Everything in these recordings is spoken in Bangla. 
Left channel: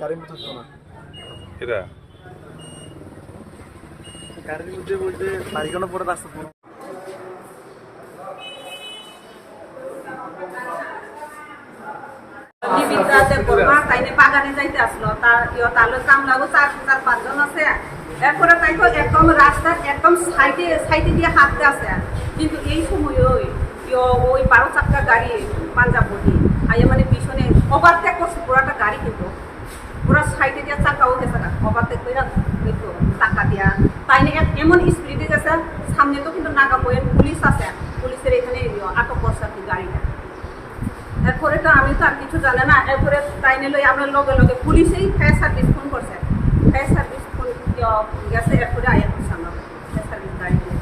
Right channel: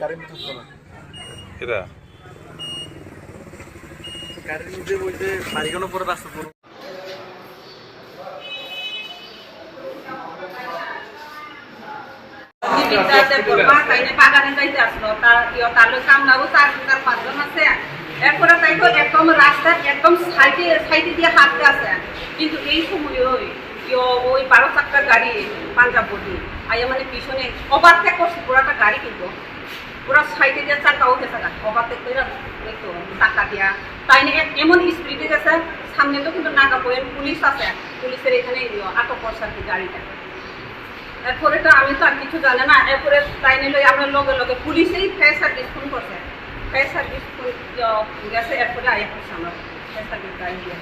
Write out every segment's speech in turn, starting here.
গাড়ির মধ্যে উঠতো না। এরা গাড়ির মধ্যে বলতে বাড়িখানো পরে রাস্তা পুরো বাগানে যাইতে আসলো তার কামলাবো 4-5 জন আছে। এরপরে তাই তো একদম রাস্তার একদম সাইডে দিয়ে হাঁটতে আছে। কিন্তু এই সময় ওই 12 চাকার গাড়ি পাঞ্জাব বডি আইয়া মানে পিছনে ওভারটেক করছে পুরাটা গাড়ি, কিন্তু পুরা সাইডে দিয়ে চাকাও গেছে না, ওভারটেক করে দেখো টাকা দিয়া তাই না এমন স্পিডে গেছে। সামনে তো কিন্তু নাগা বইয়ের পুলিশ আছে, পুলিশের এখানে আটক করছে আর কি গাড়িটা। এরপরে তো আমি তো আর কিছু জানি না। এরপরে তাই নিলে আমরা লগে লগে পুলিশেই ফায়ার সার্ভিস ফোন করছে, ফায়ার সার্ভিস ফোন গেছে। এরপরে আয়া করছে আমরা ফায়ার সার্ভিস গাড়ি দিয়ে।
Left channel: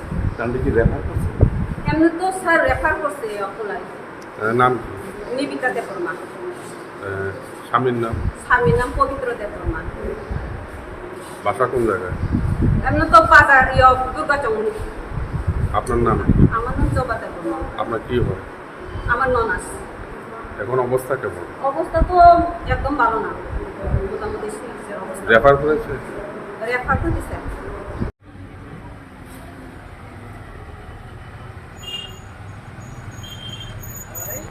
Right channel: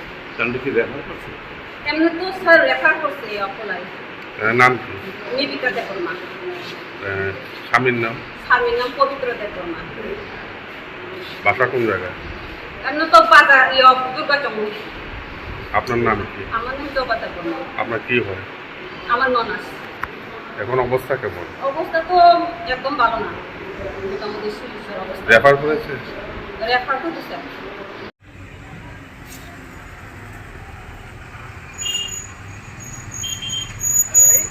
এমনি তো স্যার রেফার করছে অকলাই। নাম কি? নিবিকা দেববর্মা। স্বামীর নাম? স্বামীর নাম পবিত্র দেববর্মা। বাসা কোন জায়গায়? এমনি তো বাজার দুর্গা চৌমুহনী। আপনার নাম কি? আমার নাম জবা দেববর্মা। আপনার কি হয়? আমার ননাস। এখন অবস্থা কেমন? অবস্থা তো একদম ভালো না, মোটামুটি সিরিয়াসের অবস্থা। রেফার করেছে? রেফার করতেছে। এই